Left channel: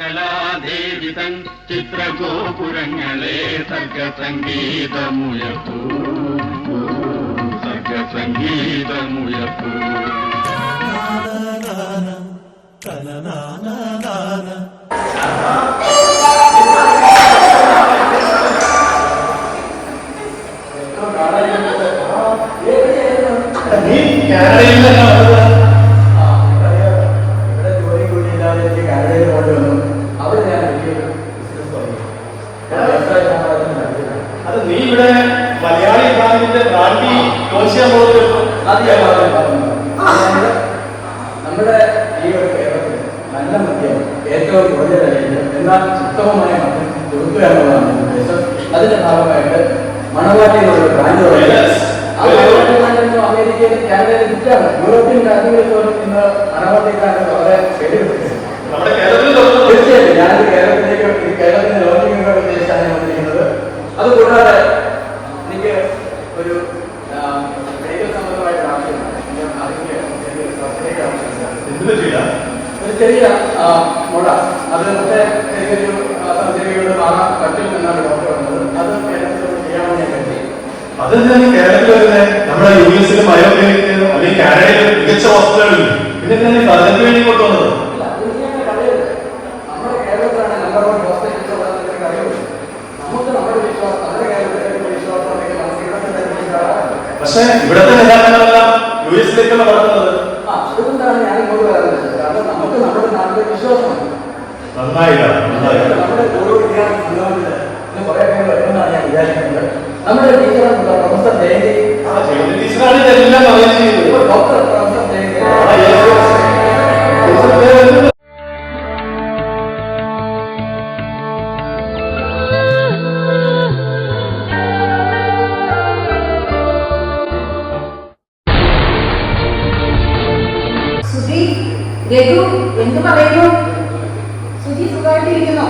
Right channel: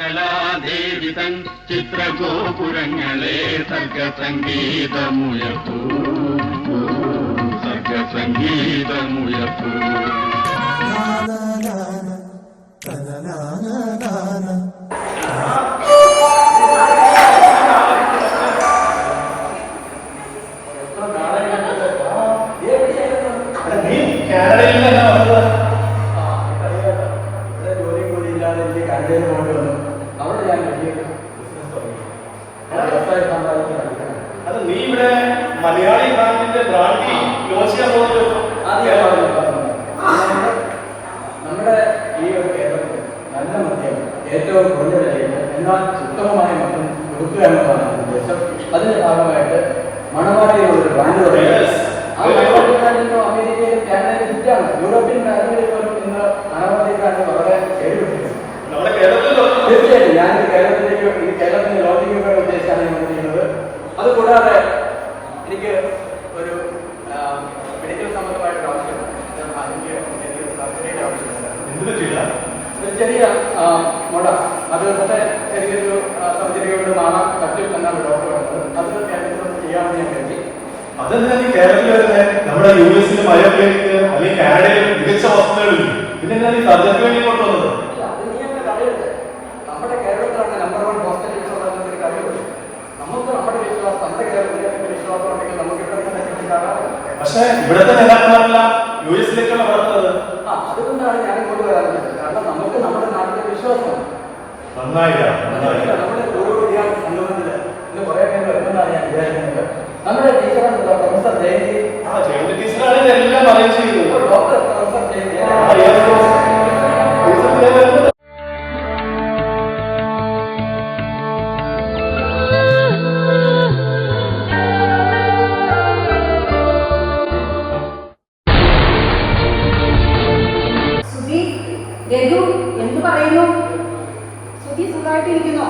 കലാദേവി തൻ ചിത്രഗോപുരങ്ങളെ സർഗസംഗീതമുയർത്തൂ, സർഗസംഗീതമുയർത്തൂ. നമ്മുടെ ഈ ഒരു കേരളത്തിൽ നല്ല മദ്യം ഏറ്റവും കുറഞ്ഞ നിലയിൽ എന്നാൽ ഉത്തമമായ മദ്യം കൊടുക്കുക എന്നതാണ് ഉദ്ദേശം. അതിന്റെ ഭാഗമായിട്ട് മണവാട്ടിയുള്ള ബ്രാൻഡുകൾ അമേരിക്കയിൽ കാനഡയിൽ വിറ്റാണ്. യൂറോപ്യൻ രാജ്യങ്ങളിൽ നിന്ന് മണവാട്ടിക്കാണ് വളരെ തീർച്ചയായിട്ടും ഞാൻ കേരളത്തിന് ലോകങ്ങളുടെ ഉദ്ദേശിച്ചാണ് ഞാൻ വന്നിരിക്കുന്നത്. അതുകൂടാതെ എനിക്ക് ഒരു മെഡിക്കൽ സംബന്ധമായിട്ട് ആവശ്യമാണ്. ആരോഗ്യ ഒരു ചെറിയ മുട, അത് ചെറിയൊരു സർജറികളിൽ മാറാൻ പറ്റും എന്നാണ് ഡോക്ടർ പറഞ്ഞത്. അത് കേരളത്തിൽ ചെയ്യാമെന്ന് ഞാൻ കരുതി. അതെന്താണ് കേരളത്തിൽ വരുന്നത്? നമ്മുടെ US-ലും അല്ലെങ്കിൽ കാനഡയിലും മികച്ച വസ്തുക്കളിൽ പിന്നെ സർജറിക്ക് വേണ്ടി കൊണ്ടുവന്നത് നമ്മുടെ കേരളത്തിലാണ് നമ്പർ 1 ഹോസ്പിറ്റൽസ് ഉള്ളതിന്റെ കാര്യമുള്ളൂ. നമുക്ക് നമ്മുടെ വിശ്വാസം, നമ്മുടെ കേരളത്തിലെ വിശ്വാസം ഉണ്ടെങ്കിൽ നമുക്ക് ഇവിടെ തന്നെ ഉണ്ടാവാം. പക്ഷേ ഇവിടെ തന്നെ US-ലേക്കുള്ള വളർത്തുന്നത് അതുകൊണ്ടാണ് ഞാൻ ഇങ്ങോട്ട് പറയുന്നത്. കാരണം നമുക്ക് നമ്മുടെ നാട്ടിലെ വിശ്വാസമാണ്. നമ്മുടെ ഓരോ വിദ്യാർത്ഥി സംഘടനയിൽ ഇന്ന് കുറെ പേര് വരുമെന്നാണ് ഞാൻ വിചാരിക്കുന്നത്. നമ്മുടെ teacher professor Jayanti doctor professor Jayanti എന്ത് പറയുന്നു? സുധി സുഖമായിട്ടിരിക്കുന്നോ?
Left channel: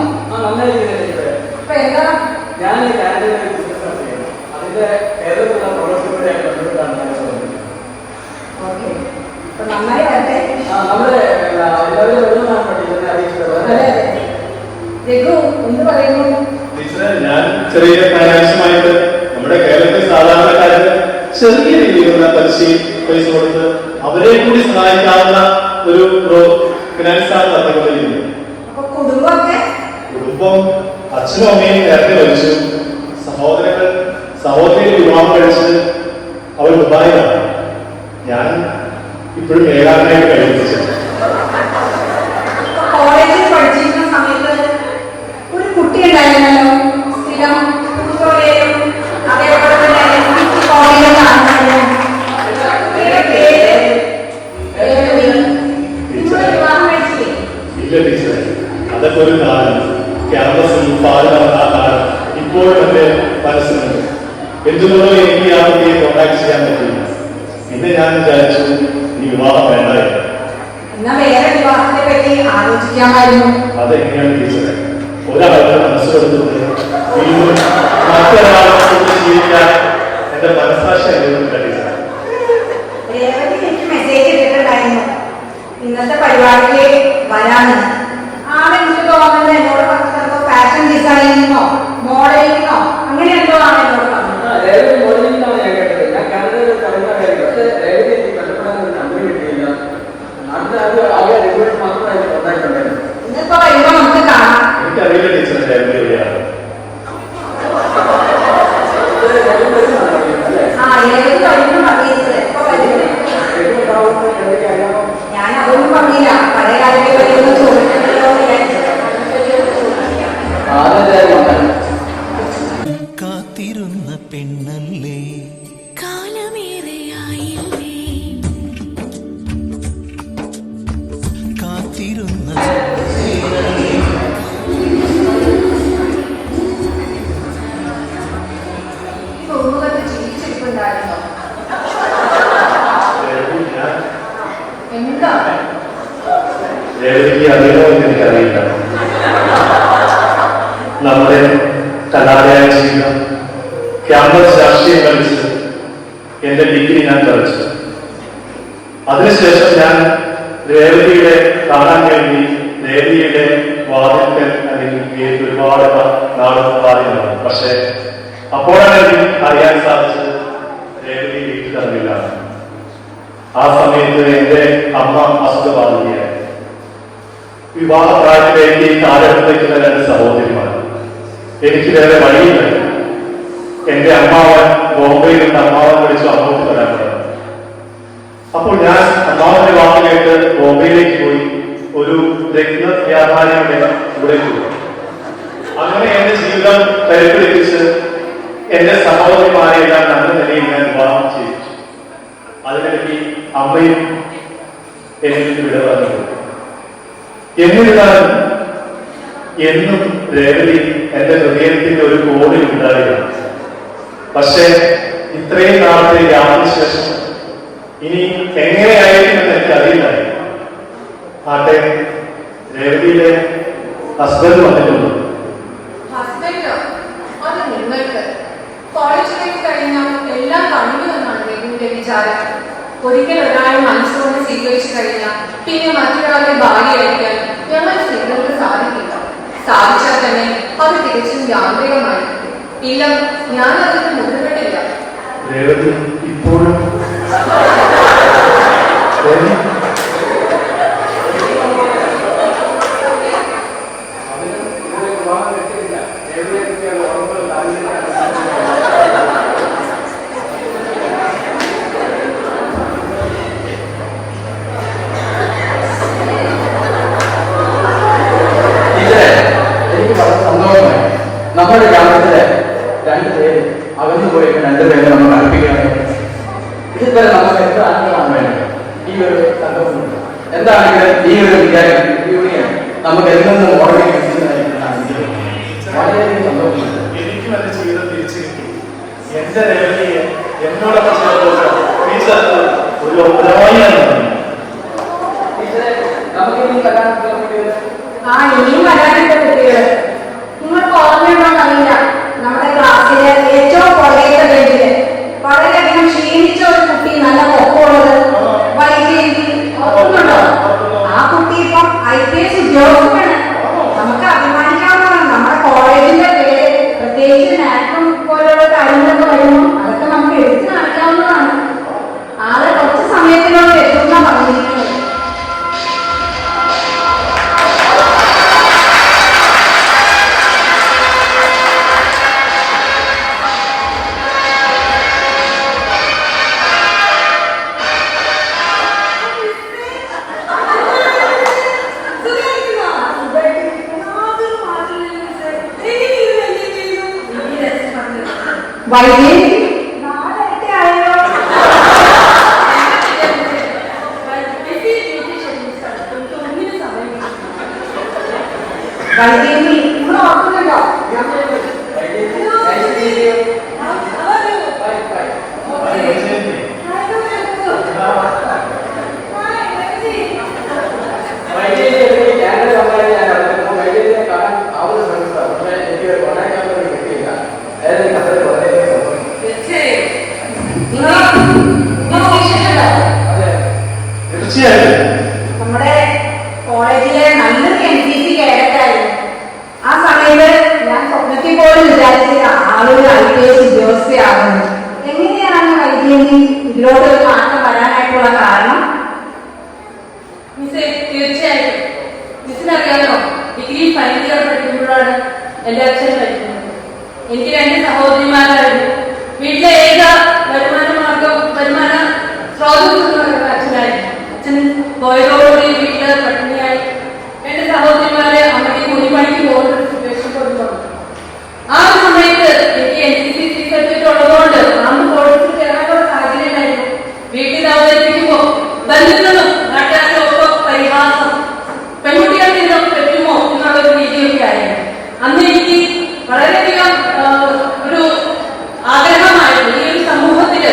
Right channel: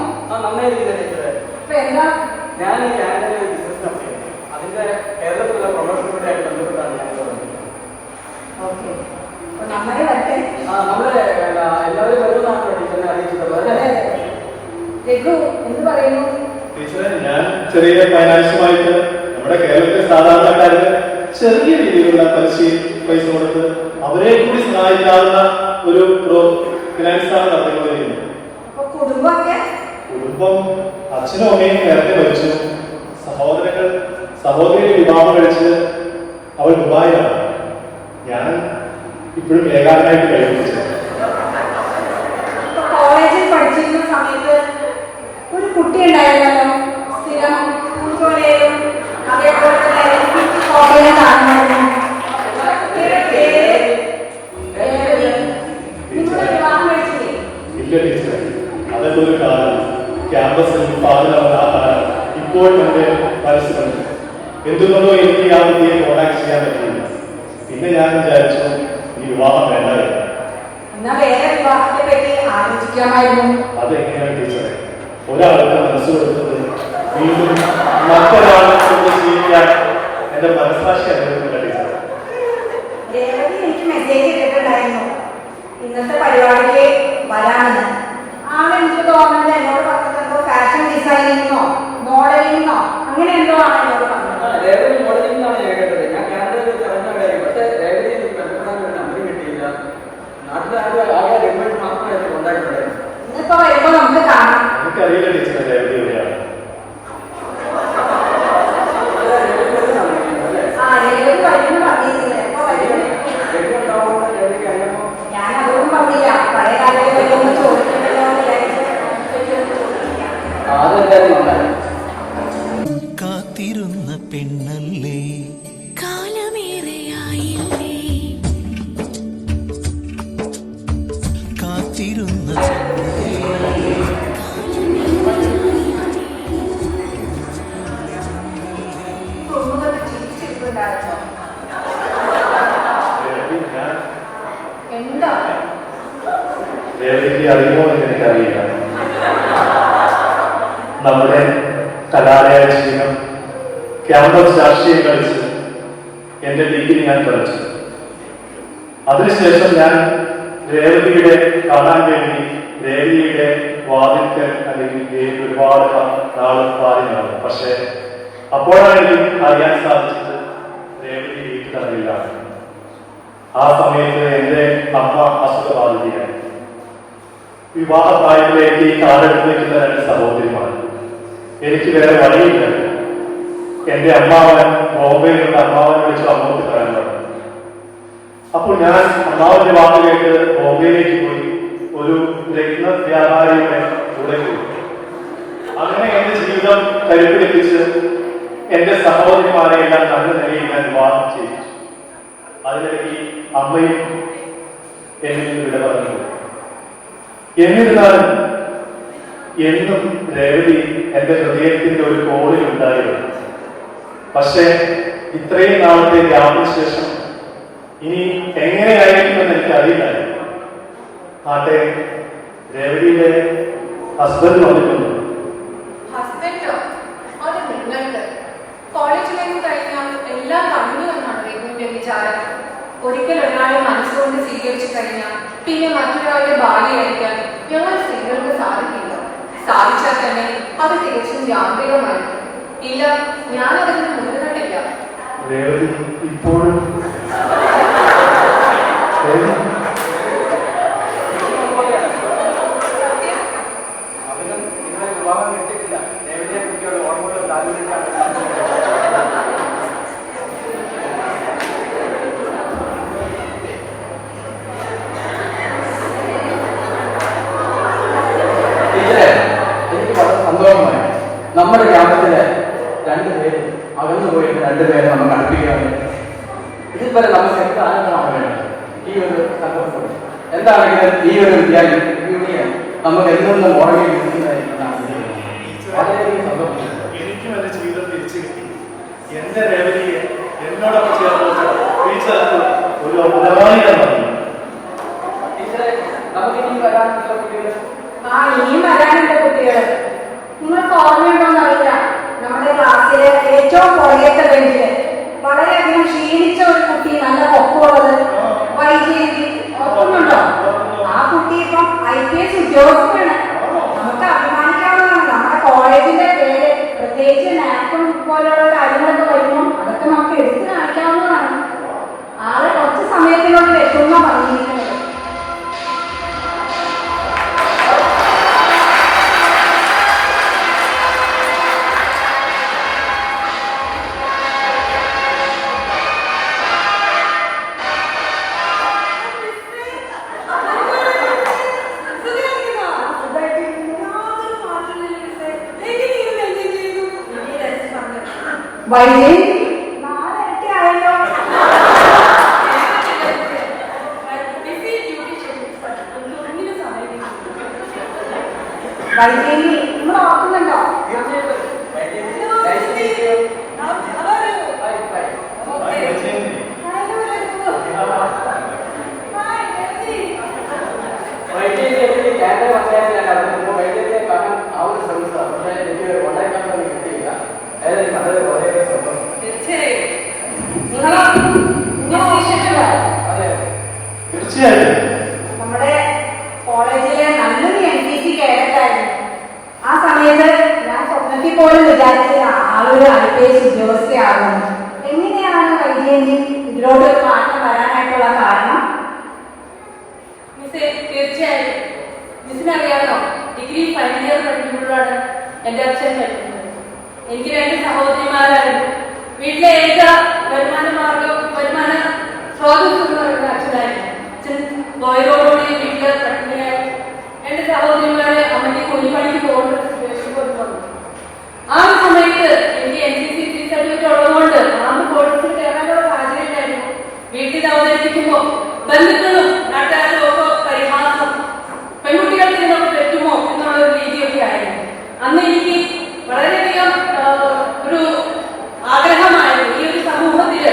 ഞാൻ കാനഡയിലെ ബിസിനസ് കമ്പനിയാണ്. അതിന്റെ കേരളത്തിലുള്ള പ്രൊഫസറുമായിട്ട് ബന്ധപ്പെട്ടാണ് ഞാൻ നന്നായി വരട്ടെ. നമ്മുടെ എല്ലാവരും വരുന്നതാണ് ടീച്ചറിനെ അറിയിച്ചിട്ടുള്ളത്. രഘു എന്ത് പറയുന്നു? ഞാൻ ചെറിയ ഫൈനാൻഷ്യമായിട്ട് നമ്മുടെ കേരളത്തിൽ സാധാരണക്കാർക്ക് ചെറിയ രീതിയിലുള്ള പൈസ കൊടുത്ത് അവരെ കൂടി സഹായിക്കാവുന്ന ഒരു ഫിനാൻസാണ് നടത്തിക്കൊണ്ടിരിക്കുന്നത്. കുടുംബം അച്ഛനും അമ്മയും നേരത്തെ മരിച്ചു. സഹോദരി വിവാഹം കഴിച്ച് അവർ ദുബായിലാണ്. ഞാൻ ഇപ്പോഴും ഏകാന്തമായിട്ട് കഴിപ്പിച്ചു. കോളേജിൽ പഠിച്ചിരുന്ന സമയത്ത് ഒരു കുട്ടി ഉണ്ടായിരുന്നല്ലോ, സ്ഥിരം അതേപോലെ തന്നെ അതൊക്കെ ഒരു കാലം. ക്യാമ്പസിൽ ഇപ്പോഴും എന്റെ മനസ്സിലുണ്ട്. എന്തുകൊണ്ടോ എനിക്ക് ആ കുട്ടിയെ കോണ്ടാക്ട് ചെയ്യാൻ പറ്റില്ല. പിന്നെ ഞാൻ വിചാരിച്ചു ഈ വിവാഹം വേണ്ടായിരുന്നു. അതെങ്ങനെയാണ് ടീച്ചറെ? ഒരാളുടെ മനസ്സ് കൊടുത്തിട്ട് വീണ്ടും മറ്റൊരാളെ ജീവിക്കാൻ എന്റെ മനസ്സാക്ഷി അനുഭവത്തില്ല. ഇന്നത്തെ പരിപാടിയിലേക്ക് വരാമെന്ന് ഫാഷൻ ഡിസൈനിങ്ങോ മോഡലിങ്ങോ അങ്ങനെ എന്തോ ആണ് എന്നോട് പറഞ്ഞത്. മോഡലിംഗാണ് ഞാൻ കേട്ടത്. ഞാൻ കാനഡയിൽ പക്ഷേ എനിക്ക് പലപ്പോഴും കമ്പനി കിട്ടിയില്ല. നാട്ടിലെ ആകെ റെഗുലേഷൻ മാത്രമേ എനിക്ക് കോണ്ടാക്ട് ഉണ്ടായിരുന്നു. ഇന്നിപ്പോ വരുമ്പോ നമുക്ക് കാണാം. എനിക്കറിയില്ല ടീച്ചറിന്റെ എവിടെയാണ് ഞാൻ അതൊന്നും പറഞ്ഞില്ല. പഴയ കാലത്തെ പറ്റുന്ന കാത്തിരുന്ന പെണ്ണല്ലേ, കാലമേറെയായില്ലേ, കാത്തിരുന്ന ജീവിച്ചിട്ടുണ്ടായിരുന്നു. എന്താ എനിക്കറിയില്ല. നമ്മുടെ കലാലയ ജീവിതം ക്യാമ്പസ് രാഷ്ട്രീയം കളിച്ച് എന്റെ ഡിഗ്രി ഞാൻ കളിച്ചു. അതിനുശേഷം ഞാൻ രേവതിയുടെ കാണാൻ വേണ്ടി രേവതിയുടെ വാതിൽ വാതിൽക്കൽ അല്ലെങ്കിൽ ഒരുപാട് നാളുകൾ പാടിയതാണ്. പക്ഷെ അപ്പോഴാണ് എനിക്ക് അറിയാൻ സാധിച്ചത് രേവതി വീട്ടിൽ അറിയില്ല. ആ സമയത്ത് എന്റെ അമ്മ അസുഖബാധിതയായി. വിവാഹ പ്രായത്തിലേക്ക് ഈ കാലഘട്ടത്തിലേക്കുള്ള 2 സഹോദരിമാർ. എനിക്ക് വേറെ വഴിയില്ല. എന്റെ അമ്മാവൻ ബോംബെയിൽ നിന്ന് അമ്മാവനെ വിളിച്ചു അങ്ങോട്ട് വരാൻ പറഞ്ഞു. അപ്പോൾ ഞാൻ അമ്മാവന്റെ വാക്കിലേക്ക് ബോംബെയിലേക്ക് പോയി ഒരു രത്ന വ്യാപാരിയുടെ കൂടെ പോയി. അങ്ങനെ എന്റെ ജീവിതം കരുപ്പിടിപ്പിച്ച് എന്റെ സഹോദരിമാരെല്ലാം നല്ല നിലയിൽ ഞാൻ വിവാഹം ചെയ്തു. അതിനിടയ്ക്ക് അമ്മയും എനിക്ക് വിട പറഞ്ഞു. എന്നിരുന്നാലും എന്നും രേവതി എന്റെ ഹൃദയത്തിന്റെ ഒരു കോണിൽ ഉണ്ടായിരുന്നു. പക്ഷേ ഇത്രയും നാളത്തെ യാതൊരു ശേഷം ഇനി എങ്ങനെയായിരിക്കും എനിക്ക് അറിയില്ല. ആട്ടെ, രേവതിയുടെ ഹസ്ബൻഡ് വന്നിട്ടുണ്ട്. ഹസ്ബൻഡോ? അത് നിങ്ങൾക്ക് കോളേജിലേക്ക് കഴിഞ്ഞ എല്ലാം കണ്ടുവെന്നാണ് രഘുവിന്റെ വിചാരം. ഒരിക്കൽ ഒരാളെ മനസ്സുകൊണ്ട് സ്വീകരിച്ചു കഴിഞ്ഞാൽ പിന്നെ മറ്റൊരാളെ ഭാര്യയായിരിക്കാൻ ഞങ്ങൾ സ്ത്രീകൾക്ക് സാധിക്കില്ല. സാധിച്ചാൽ തന്നെ അത് തികച്ചും യാന്ത്രികമാണ്. ഇല്ല, ഞാൻ അതിന് മുതിർന്നിട്ടില്ല. രേവതി ഇപ്പോഴും നമ്മുടെ ഗ്രാമത്തിലെ 2 പേര് അവധി പോയി 2 പേരെ നമ്മൾ അടുപ്പിക്കുകയാണ്. ഇതുവരെ നമ്മൾ എന്ത് ആനന്ദമാണ് ഈ ഒരു സംഭവമുണ്ട്. എന്താണെങ്കിലും ഈ ഒരു യൂണിയൻ നമുക്ക് എന്തെന്നും ഓർമ്മ എനിക്കും എന്റെ ജീവിതം തിരിച്ചു കിട്ടി. എന്റെ രേവതിയെ എന്നോടൊപ്പം ചേർത്ത് ഒരു ഉദരവാദിയാണ്. നമുക്ക് ഇനി വരാനുള്ള കുട്ടികൾ ഇനിയും വരാനുള്ള കുട്ടികള് നിങ്ങൾക്ക് ഓർമ്മയുണ്ടോന്ന് അറിയില്ല. നമ്മുടെ ക്ലാസ്സിലെ ഏറ്റവും പുറകേറ്റ ബെഞ്ചില് വളരെയധികം ക്ഷീണിച്ച ഒരു കുട്ടി, നല്ല പൊക്കമുള്ളത്, വൈദ്യുതി ഓർക്കുന്നുണ്ടോ? ആ കുട്ടി ഇപ്പം IPS ഉദ്യോഗസ്ഥനാണ്. നമുക്ക് അഭിമാനിക്കാവുന്നതാണ്. നമ്മുടെ കോളേജിന്റെ പേര് പ്രത്യേകിച്ച് നാക്കും പോലുള്ള കാര്യങ്ങളൊക്കെ വരുമ്പോൾ അതൊക്കെ നമുക്ക് എടുത്തു കാണിക്കാവുന്നതാണ്. ആളെ കുറച്ച് സമയത്തിനോട് എത്തുന്ന പറഞ്ഞിരിക്കുന്നത്. വൈദ്യുതി നമ്മുടെ കോളേജിലെ നല്ലൊരു NCC കേഡറ്റായിരുന്നു. ആ സമയത്ത് ഞാൻ സ്വപ്നത്തിൽ പോലും വിചാരിച്ചില്ല ആളൊരു IPS ഉദ്യോഗസ്ഥയാകുന്നു. എങ്ങനെയാണ് വൈദ്യുതി ഇതിലോട്ട് ഒരു മാറ്റം വരാനായിട്ടുള്ള കാരണം? മിസ്സേ, തീർച്ചയായിട്ടും മിസ്സിനറിയാമോ, ഡിഗ്രി ഫൈനൽ ഇയർ പഠിക്കുമ്പോഴാണ് എന്റെ അച്ഛൻ പഠിക്കുന്നത്. എനിക്ക് 2 സഹോദരിമാരായിരുന്നു. വീട്ടിലെ ഏക വരുമാന സ്രോതസ്സുള്ള അച്ഛനായിരുന്നു. അച്ഛൻ പോയതോടുകൂടി വീട്ടിൽ പട്ടിണിയായി 2 സഹോദരിമാരെ അമ്മയ്ക്ക് കൂലിപ്പണിക്ക് പോകുന്ന സിറ്റുവേഷൻ കൊണ്ടുവന്നു. ആ സമയത്ത് എനിക്ക് NCC സർട്ടിഫിക്കറ്റ് ഉള്ളതുകൊണ്ട് അന്ന് കോഴ്സിൽ കയറാനുള്ള സാഹചര്യം ഉണ്ടായിരുന്നു. വീട്ടിൽ അവതരിപ്പിക്കുമ്പോൾ ബന്ധുക്കളും നാട്ടുകാരുടെ ഒക്കെ പരിഹാസം, പെൺകുട്ടികൾക്ക് ഇതൊക്കെ പറ്റുമോ എന്നുള്ള ഒരു രീതിയൊക്കെ ആയിരുന്നു. അന്ന് എനിക്ക് വളരെയധികം ഒരു ആഗ്രഹമായിരുന്നു ഈ ഒരു സമൂഹത്തില്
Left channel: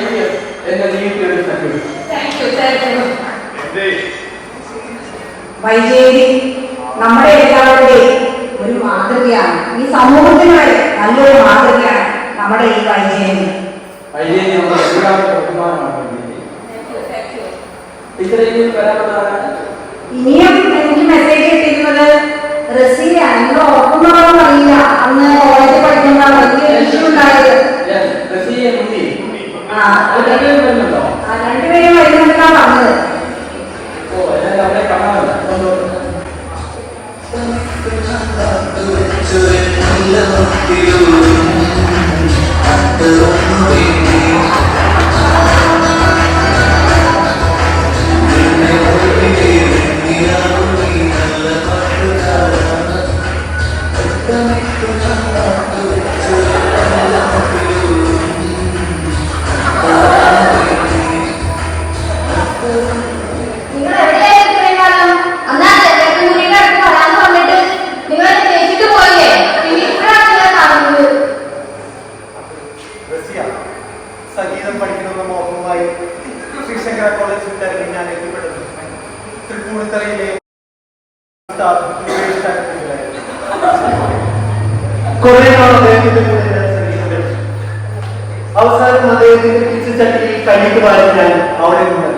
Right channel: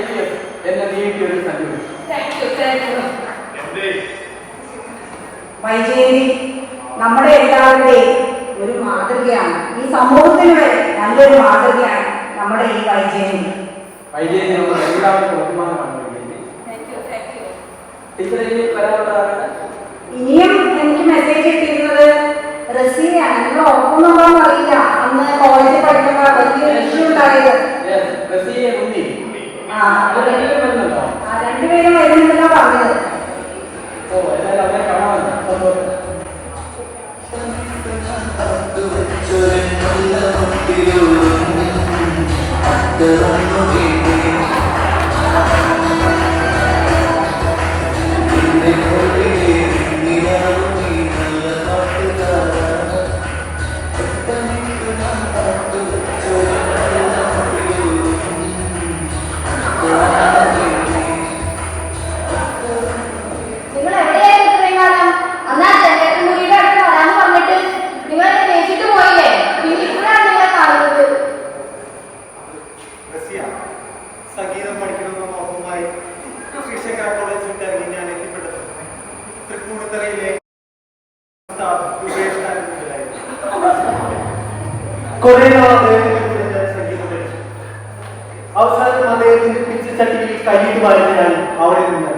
IPS എന്ന നീതിയുടെ സർട്ടിഫിക്കറ്റ്. വൈജയന്തി നമ്മുടെ എല്ലാവരുടെയും ഒരു മാതൃകയാണ്. ഈ സമൂഹത്തിന് വരെ നല്ലൊരു മാതൃകയാണ് നമ്മുടെ ഈ വൈജയന്തി. വൈജയന്തി നമ്മുടെ എല്ലാവരുടെ ബഹുമാനമാണ്. ടീച്ചറിലേക്ക് വരാനുള്ളതാണ്. ഇനിയും എനിക്ക് മെസ്സേജ് കിട്ടിയിരുന്നത് റസിയാണ്. നിങ്ങൾ ഓർക്കുന്നതാണെന്ന് അറിയില്ല, അന്ന് കോളേജിൽ പഠിക്കുന്ന വലിയ ഇഷ്യൂ ഉണ്ടായത്. രണ്ടുപേരും വരുന്നതാണ് പറഞ്ഞത്. സംഗീതം പഠിക്കണമെന്ന മോഹവുമായി ശ്രീശങ്കര കോളേജ് വിട്ടായിരുന്നു ഞാൻ എത്തിപ്പെട്ടത്. തൃപ്പൂണിത്തറയിലെ അവസാനം അദ്ദേഹത്തിന്റെ പിച്ചച്ചട്ടിയിൽ കൈയിട്ട് വാരി ഞാൻ അവിടെ നിന്നത്.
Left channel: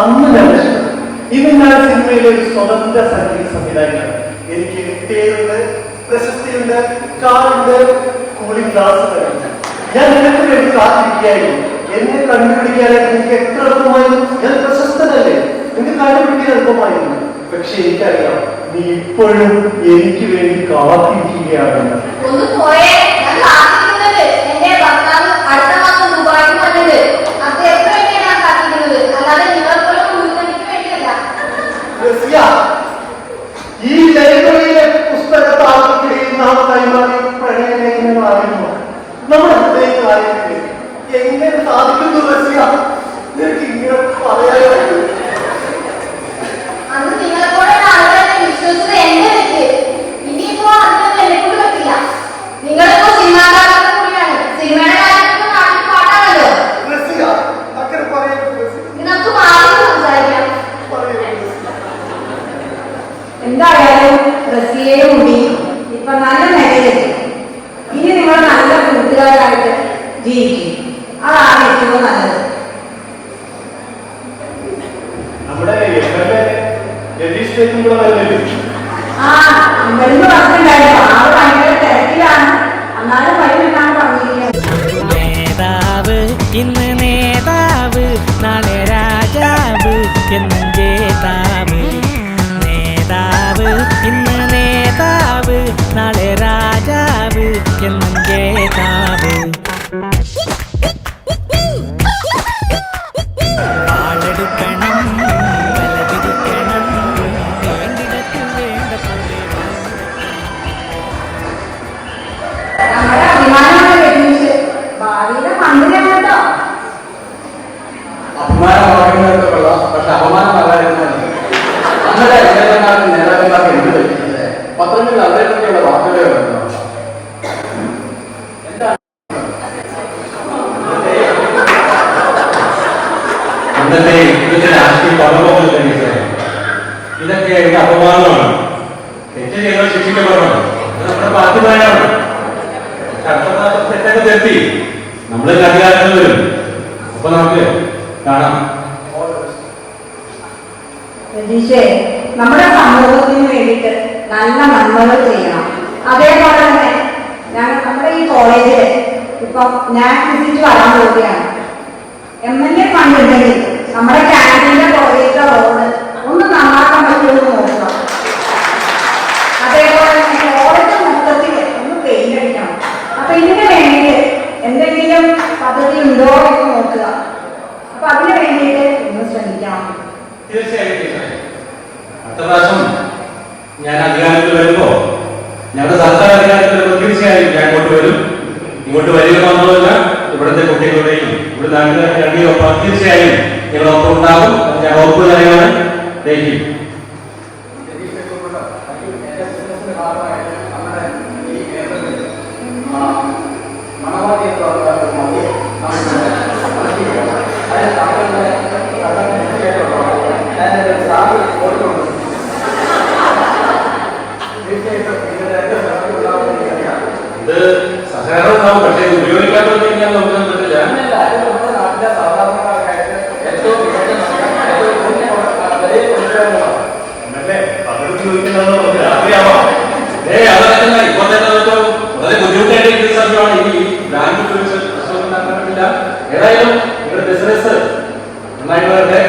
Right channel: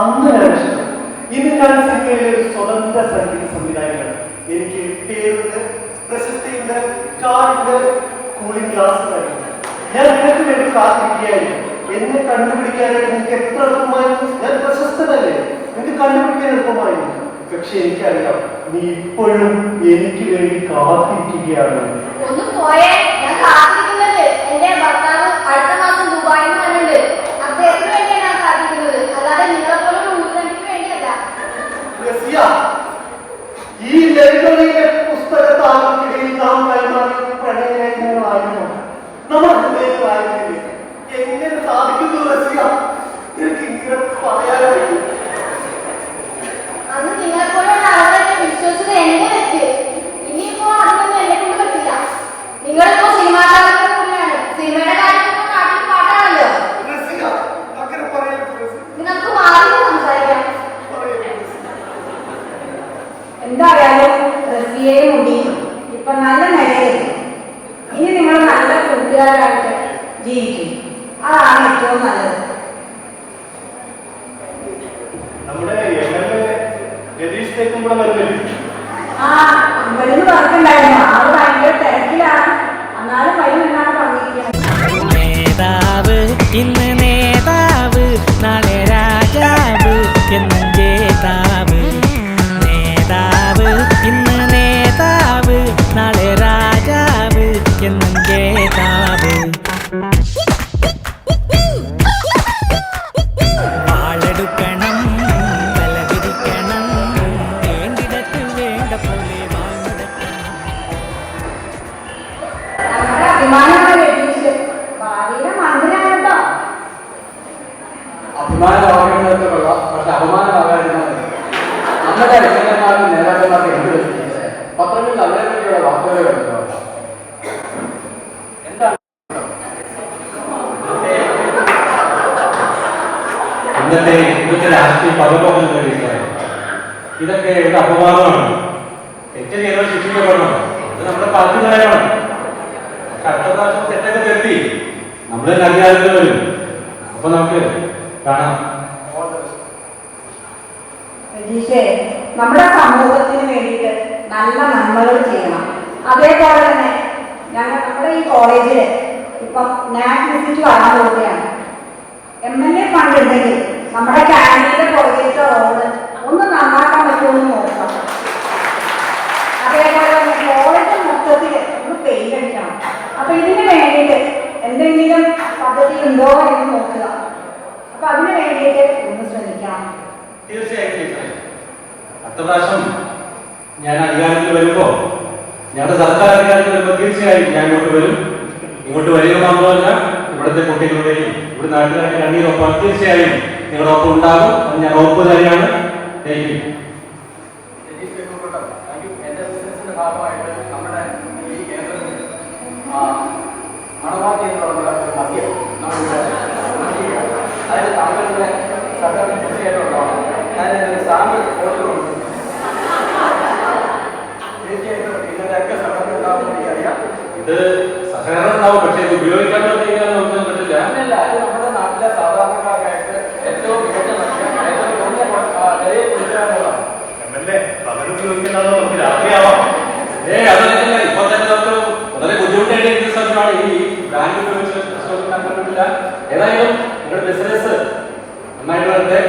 അന്ന് ലക്ഷം ഇന്ന് ഞാൻ സിനിമയിലെ ഒരു സ്വതന്ത്ര സംഗീത സംവിധായകനാണ്. എനിക്ക് പേരുണ്ട്, പ്രശസ്തിയുണ്ട്, കാറുണ്ട്, കൂളിംഗ് ഗ്ലാസ് തരുന്നു. ഞാൻ നിനക്ക് വേണ്ടി കാത്തിരിക്കുകയായിരുന്നു. എന്നെ കണ്ടുപിടിക്കാനായിട്ട് എനിക്ക് എത്ര എളുപ്പമായിരുന്നു. ഞാൻ പ്രശസ്തനല്ലേ, നിനക്ക് കണ്ടുപിടിക്കാൻ എളുപ്പമായിരുന്നു. പക്ഷെ എനിക്കറിയാം നീ ഇപ്പോഴും എനിക്ക് വേണ്ടി കാത്തിരിക്കുകയാണെന്ന്. ഈ ലൈബ്രറിയിലെ പുസ്തകത്താക്കുകയും നാമമായി മാറിയ പ്രണയലേഖനങ്ങളായിരുന്നു നമ്മുടെ ഹൃദയങ്ങളായിരുന്നു. എങ്ങനെ സാധിക്കുന്നു റസിയ? നിനക്ക് ഇങ്ങനെ പറയാനായിരുന്നു. എന്തായാലും റസിയെ കൂടി ഇപ്പൊ നല്ല നിലയിലെത്തി. ഇനി നിങ്ങൾ നല്ല കൂട്ടുകാരായിട്ട് ജീവിക്കും. അതാണ് ഏറ്റവും നല്ലത്. ഇവിടുന്ന് പറഞ്ഞിട്ടുണ്ടായിരുന്നു ആള് ഭയങ്കര തിരക്കിലാണ്. എന്നാലും വൈകിട്ടാണ് പറഞ്ഞിരിക്കുന്നത്. നേതാവ് ഇന്ന് നേതാവ്, നാളെ രാജാവ് എന്നും ജേതാവ്. നേതാവ് ഇന്ന് നേതാവ്, നാളെ രാജാവ് എന്നും ജേതാവ്. വാളെടുക്കണം, വലപിരിക്കണം, വേണ്ടിടത്ത് വേണ്ട പോലെ വാളെടുക്കണം. നമ്മുടെ അഭിമാനമാണ് ലഭിച്ച് ഭാവിയുടെ മന്ത്രിയാണ് കേട്ടോ. അഭിമാനമാകുന്നതൊക്കെ കൊള്ളാം, പക്ഷെ അപമാനമാകാതിരുന്നത് നമ്മുടെ നേതാക്കന്മാർക്ക് നേതാക്കന്മാർക്ക് എന്ത് പറ്റിയത്? പത്രങ്ങളിൽ അവരെയൊക്കെയുള്ള വാർത്തകൾ വരുന്നു. എന്താണ് ഇന്നത്തെ രാഷ്ട്രീയ പദപ്രവർത്തനം ഇതൊക്കെ ഒരു അപമാനമാണ്. തെറ്റ് ഞങ്ങൾ ശിക്ഷിക്കപ്പെടണം. നമ്മുടെ പാർട്ടിക്കാരാണ്. കഷ്ടപ്പാടൊക്കെ തെറ്റി നമ്മള് കല്യാണത്തിന് വരും. അപ്പൊ നമുക്ക് കാണാം. രതീഷേ, നമ്മുടെ സമൂഹത്തിന് വേണ്ടിയിട്ട് നല്ല നന്മകൾ ചെയ്യണം. അതേപോലെ തന്നെ നമ്മുടെ ഈ കോളേജില് ഇപ്പൊ ഞാൻ വിസിറ്റ് വരാൻ പോവുകയാണ്. MLA ഫണ്ടുണ്ടെങ്കിൽ നമ്മുടെ ക്യാൻറ്റീനിലെ കോളേജിലെ റോഡ് ഒന്ന് നന്നാക്കാൻ പറ്റുമെന്ന് നോക്കണം. അതേപോലെ തന്നെ കോളേജ് മൊത്തത്തിൽ ഒന്ന് പെയിന്റ് അടിക്കണം. അപ്പൊ ഇതിന് വേണ്ടിയിട്ട് എന്തെങ്കിലും പദ്ധതി ഉണ്ടോ എന്ന് നോക്കുക. അപ്പൊ അതിന് വേണ്ടിയിട്ട് ഒന്ന് ശ്രമിക്കണം. തീർച്ചയായിട്ടും അടുത്ത പ്രാവശ്യം ഞാൻ അധികാരത്തിൽ വരുമ്പോ, ഞങ്ങളുടെ സർക്കാർ അധികാരത്തിൽ വരുമ്പോൾ തീർച്ചയായും ഞാൻ ഇങ്ങോട്ട് വരും. ഇങ്ങോട്ട് വരിക മാത്രമല്ല, ഇവിടുത്തെ കുട്ടികളുടെയും ഇവിടെ നാട്ടിലെ തീർച്ചയായും ഞങ്ങളൊപ്പം ഉണ്ടാകും. ഞാൻ ഉറപ്പ് തന്നെയാണ്. Thank you. ഉണ്ടാവും, പക്ഷേ ഉപയോഗിക്കാത്തത് ഇങ്ങനെ നോക്കാൻ പറ്റില്ല. അങ്ങനെയല്ല, അത് നമ്മുടെ നാട്ടിലെ സാധാരണക്കാർക്കായിട്ട് ഏറ്റവും മികച്ച ഏറ്റവും വിലയെ കൊണ്ടുവരുന്നതാണ്. അതല്ല, ഇപ്പൊ തന്നെ അതൊക്കെ വളരെ ബുദ്ധിമുട്ടായിട്ട് സമയമാണ് ഈ ബ്രാൻഡ് പറ്റില്ല. ഏതായാലും ഇവിടെ ബിസിനസ് നന്നായിട്ട് വരട്ടെ.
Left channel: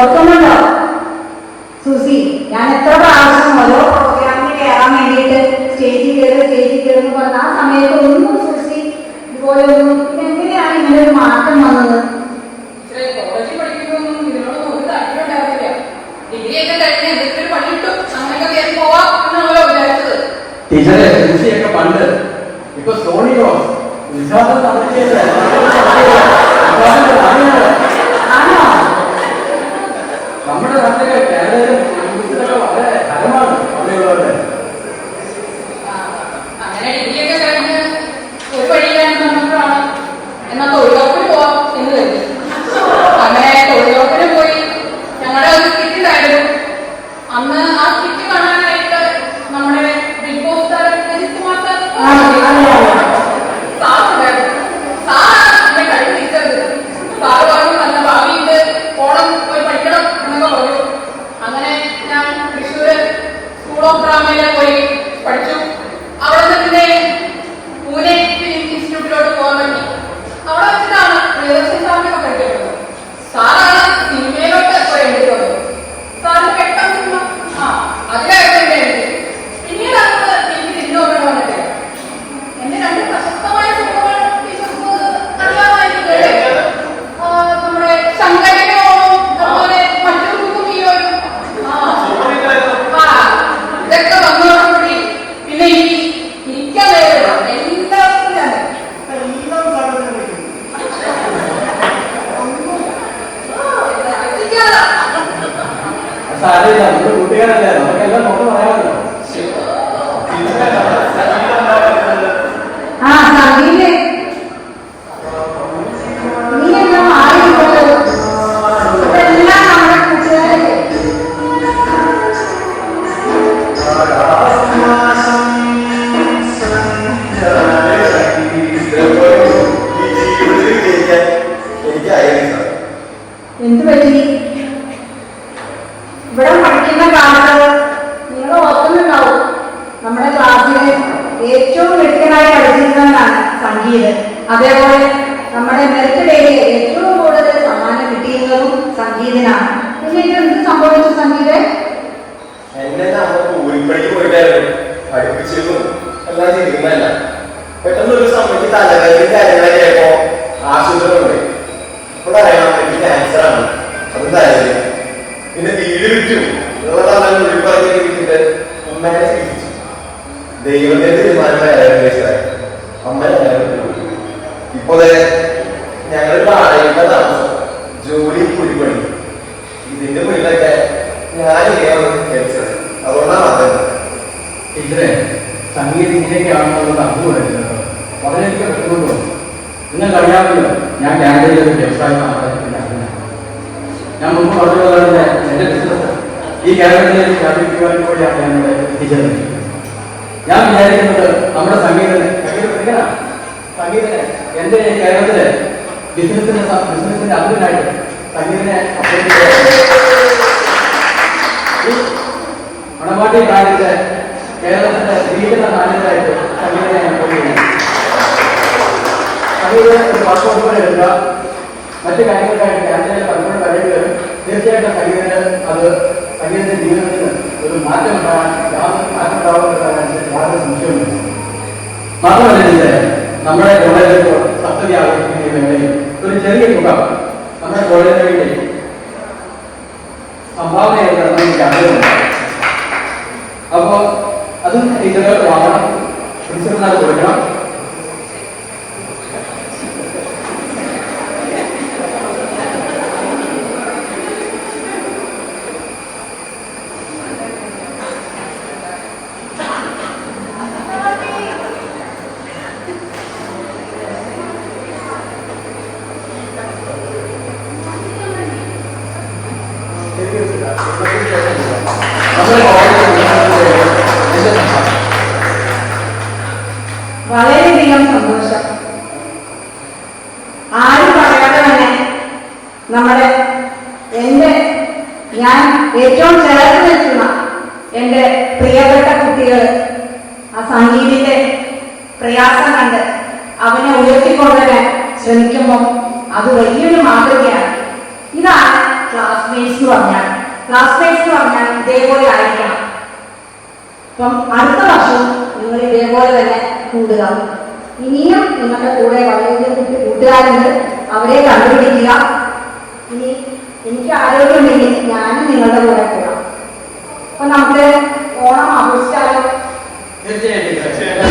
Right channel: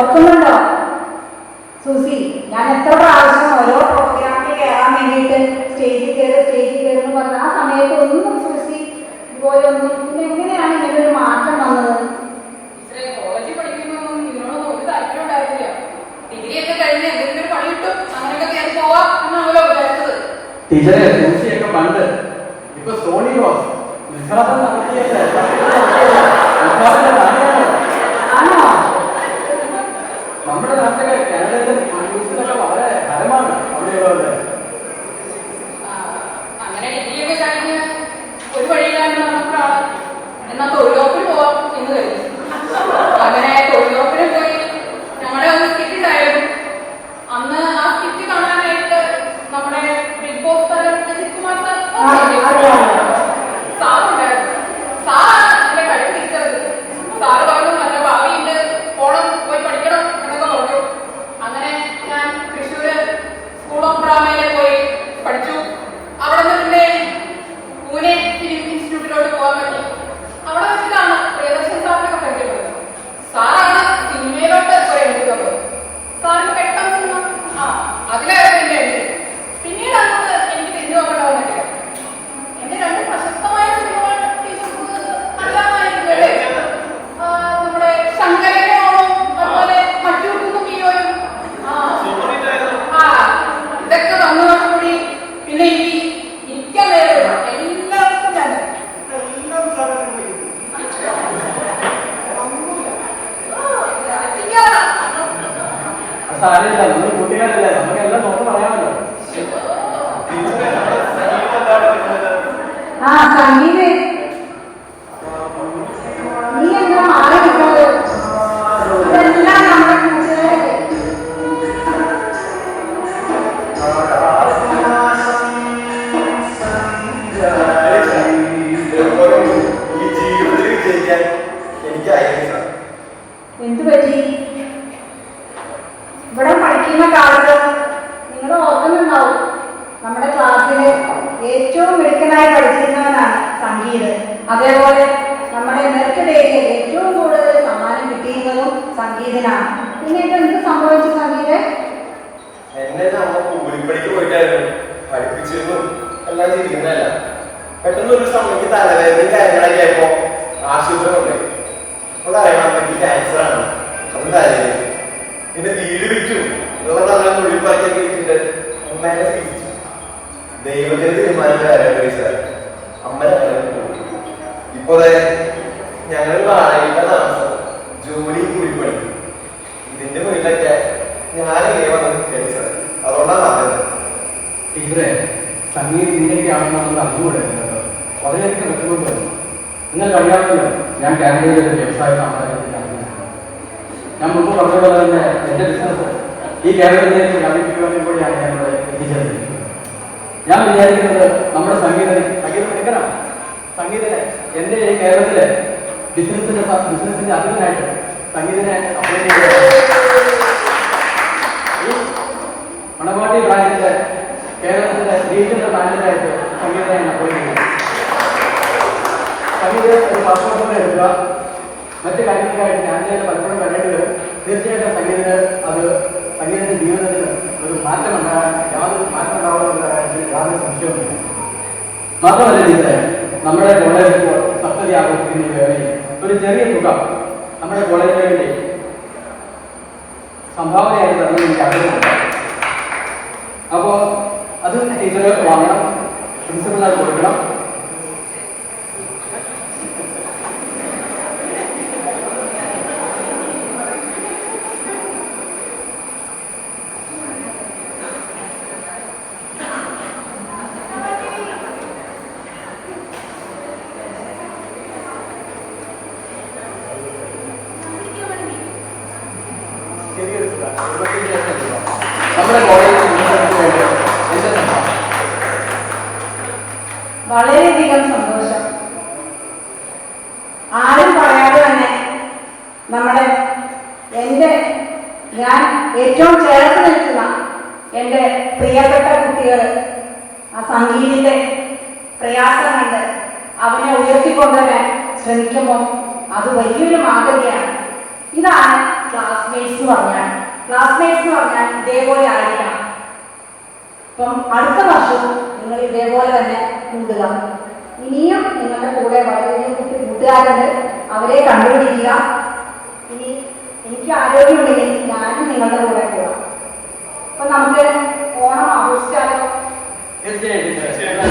ഓർക്കുന്നുണ്ടോ സുസി, ഞാൻ എത്ര പ്രാവശ്യം ഓരോ പ്രോഗ്രാമിന് കയറാൻ വേണ്ടിയിട്ട് സ്റ്റേജിൽ കയറുന്നു പറഞ്ഞ ആ സമയത്ത് ഒന്നും സുസി ഇതുപോലെ ഒന്നും എങ്ങനെയാണ് ഇങ്ങനെ ഒരു മാറ്റം വന്നത്? കോളേജിൽ പഠിക്കുമ്പോഴൊന്നും ഇതിനോട് ഒരു താല്പര്യം ഉണ്ടായിരുന്നില്ല. ഡിഗ്രിയൊക്കെ കഴിഞ്ഞ് എന്തെങ്കിലും ഒരു പണി കിട്ടും, അങ്ങനെയൊക്കെ കയറി പോവാം എന്നാണല്ലോ വിചാരിച്ചത്. ടീച്ചറെ സുസിയൊക്കെ പണ്ട് ഇപ്പൊ സോണി റോസ് വിശ്വാസം നടത്തിയത് ആണോ? നമ്മുടെ നാട്ടിലെ വളരെ ഹരമാണ് അമ്മയോട്. അങ്ങനെ ഡിഗ്രിയൊക്കെ കഴിഞ്ഞ് ഒരു വഴിയിലാണ് നമ്മളാണ് എന്നാ തൊഴിലുറപ്പിന് പോവാം എന്ന് കരുതി. അങ്ങനെ തൊഴിലുറപ്പിന് പോയി ഞങ്ങളുടെ ഒരു സ്കിറ്റ് ഉണ്ടായിരുന്നു. അന്ന് ആ സ്കിറ്റ് കാണാനായിട്ട് നമ്മുടെ ബിഗ് ബോസ് താരം രജിത് കുമാർ സാറുണ്ടായിരുന്നു. സാറാണ് എന്നെ കഴിവ് തിരിച്ചത്. സാറ് പറഞ്ഞു നല്ല ഭാവിയുണ്ട്, ഓണം പോയി പഠിക്കണം എന്നൊക്കെ പറഞ്ഞു. അങ്ങനെ ഞാൻ തൃശ്ശൂര് സ്കൂൾ ഓഫ് ഡ്രാമയിൽ പോയി പഠിച്ചു. അവിടെ തന്നെ പൂനെ ഫിലിം ഇൻസ്റ്റിറ്റ്യൂട്ടിലോട്ട് പോകാൻ പറ്റി. അവിടെ വെച്ചിട്ടാണ് പ്രിയദർശൻ സാറിനൊക്കെ പഠിക്കപ്പെടുന്നത്. സാറാണ് സിനിമയിലോട്ട് പോയത്. സാറിന് പെട്ടെന്ന് അതിലായിരുന്നു. പിന്നീട് എനിക്ക് തിരിഞ്ഞു നോക്കണം എന്നൊക്കെ. എന്റെ രണ്ട് പ്രശസ്തമായ സിനിമകൾ ടീച്ചർക്ക് അറിയാമായിരിക്കല്ലേ? നമ്മുടെ ശങ്കരനോ അതുപോലെ മറ്റൊരു കുട്ടിയോയും ഇതൊക്കെ വന്നതോടുകൂടി പിന്നെ ഇരിക്കാൻ വേറെ എല്ലാവർക്കും ഞാൻ സാരമില്ല, നമ്മുടെ കുട്ടികളല്ലേ, നമുക്കെല്ലാം നോക്കി പറയാമല്ലോ. ആ സംഗീതേ, നീ എന്നാ മാറിപ്പോയത്? ഇതെല്ലാം നമ്മുടെ കൂട്ടുകാരല്ലേ? എന്ത് പറ്റി? ഇവിടെ പഠിക്കുന്ന കാലത്ത് നിങ്ങൾ ഓർക്കുന്നുണ്ടാവും, നമ്മുടെ ക്ലാസ്സിൽ ഏറ്റവും മിടുക്കനായി പഠിച്ചിരുന്നതാണ് സംഗീത്. അതേപോലെ നമ്മുടെ മെറിറ്റ് ഡേയിൽ ഏറ്റവും കൂടുതൽ സമ്മാനം കിട്ടിയതും സംഗീതിനാണ്. പിന്നെ ഇത് എന്ത് സംഭവിച്ചു സംഗീത്? എന്നെ ഊരിപ്പണിക്ക് പോയിട്ടായിരുന്നു പഠിപ്പിച്ചിരുന്നു എല്ലാം ചെയ്യുന്നതല്ല. പെട്ടെന്ന് ഒരു സമയത്ത് തലവേദന കാര്യങ്ങളൊക്കെ ആയപ്പോ ആശുപത്രി കൊണ്ട് ഇപ്പൊ പറയണം എനിക്ക് ക്യാൻസറാണ്. അത് തലവേദന പിന്നെ വീട് വിട്ടു ഉള്ളതെല്ലാം ഊരിപ്പണിക്ക് കിട്ടിയിട്ട് അമ്മേനെ ചികിത്സിച്ചു. ദൈവത്തിന്റെ തീരുമാനമായിരുന്നു അമ്മ. ഇപ്പൊ ഞങ്ങൾ വാടകയുടെ താമസം, ജോലി കൂലിപ്പണി, ഇതിന്റെ മുന്നിലൊക്കെ ഞാൻ കേൾച്ചത്. അതുകൊണ്ടാണ് അതത്. ടീച്ചറെ, സംഗീതം ഇങ്ങനെയൊക്കെ ആണെന്നുള്ളത് അറിഞ്ഞുകൂടല്ലോ. വളരെയൊക്കെ വിഷമമുണ്ടോ? നിങ്ങൾക്ക് അറിയാമല്ലോ, ഞാൻ കാനഡയിൽ ഒരു വ്യവസായം ഞാൻ മുമ്പ് പറഞ്ഞതുപോലെ എന്റെ ബിസിനസ് ഈ കാനഡയിൽ വ്യാപിക്കുവാൻ കൂടിയാണ് ഞാൻ എത്തിച്ചത്. ഞാൻ വിചാരിക്കുന്നത് നമ്മുടെ സംഗീതം എന്റെ കേരളത്തിലെ ബിസിനസിന്റെ അതിനായിട്ട് സംഗീതനെ മണവാട്ടി കാലത്തിലെ കേരളത്തിലെ ശ്രീധര നായക അതിലൂടെ ഒരു വർഷം പോലെ എടുക്കുക. മറ്റു കാര്യങ്ങൾക്കായിട്ട് ക്യാൻസറിൽ പലപ്പോഴും കഴിയുമ്പോൾ തീർച്ചയായിട്ടും സംഗീതത്തിന്റെ ജീവിതത്തിന് ഒരു മാറ്റം ഉണ്ടാകാൻ യാതൊരു മാറ്റം ഉണ്ടാവുന്ന യാതൊരു സംശയമില്ല. മാത്രമല്ല ടീച്ചറെ, നമ്മുടെ കോളേജിൽ സപ്തതി ആഘോഷിക്കുന്ന വേളയിൽ ഒരു ചെറിയ തുക നമ്മുടെ കോളേജിന് വേണ്ടി സംഭാവനയായി നടന്ന ക്യാമ്പുകളുണ്ട്. അപ്പോൾ അതും ടീച്ചറുകൾക്ക് വാങ്ങണം, പ്രിൻസിപ്പലിനായി കൊടുക്കണം. വളരെയധികം സന്തോഷം. ആരും പറയാതെ തന്നെ ഞാൻ ഏറ്റവും ചേർത്ത് നിൽക്കുന്ന എന്റെ പ്രിയപ്പെട്ട കുട്ടികൾ ആ സംഗീതത്തിന്റെ പ്രയാസം കണ്ട് അവനെ ഉയർത്തിക്കൊണ്ടുവരാൻ ശ്രമിക്കുമ്പോൾ അത് വലിയൊരു മാതൃകയാണ്. ഇതാണ് ക്ലാസ്മേറ്റ്സ് എന്ന് പറഞ്ഞാൽ. ക്ലാസ്മേറ്റ്സ് എന്ന് പറഞ്ഞാൽ ഇതേപോലെ ആയിരിക്കണം. അപ്പം അടുത്ത വർഷം നിങ്ങൾ ഇതേപോലെ തന്നെ കൂടുക. ഇനിയും നിങ്ങളുടെ കൂടെ വളരെ കൂട്ടുകാരുണ്ട്, അവരെ കണ്ടുപിടിക്കുക. ഇനി എനിക്ക് ആരോഗ്യമുണ്ടെങ്കിൽ ഞാനും നിങ്ങളുടെ കൂടെ പോകാം. അപ്പൊ നമുക്ക് ഓണം ആഘോഷിച്ചാലോ? തീർച്ചയായിട്ടും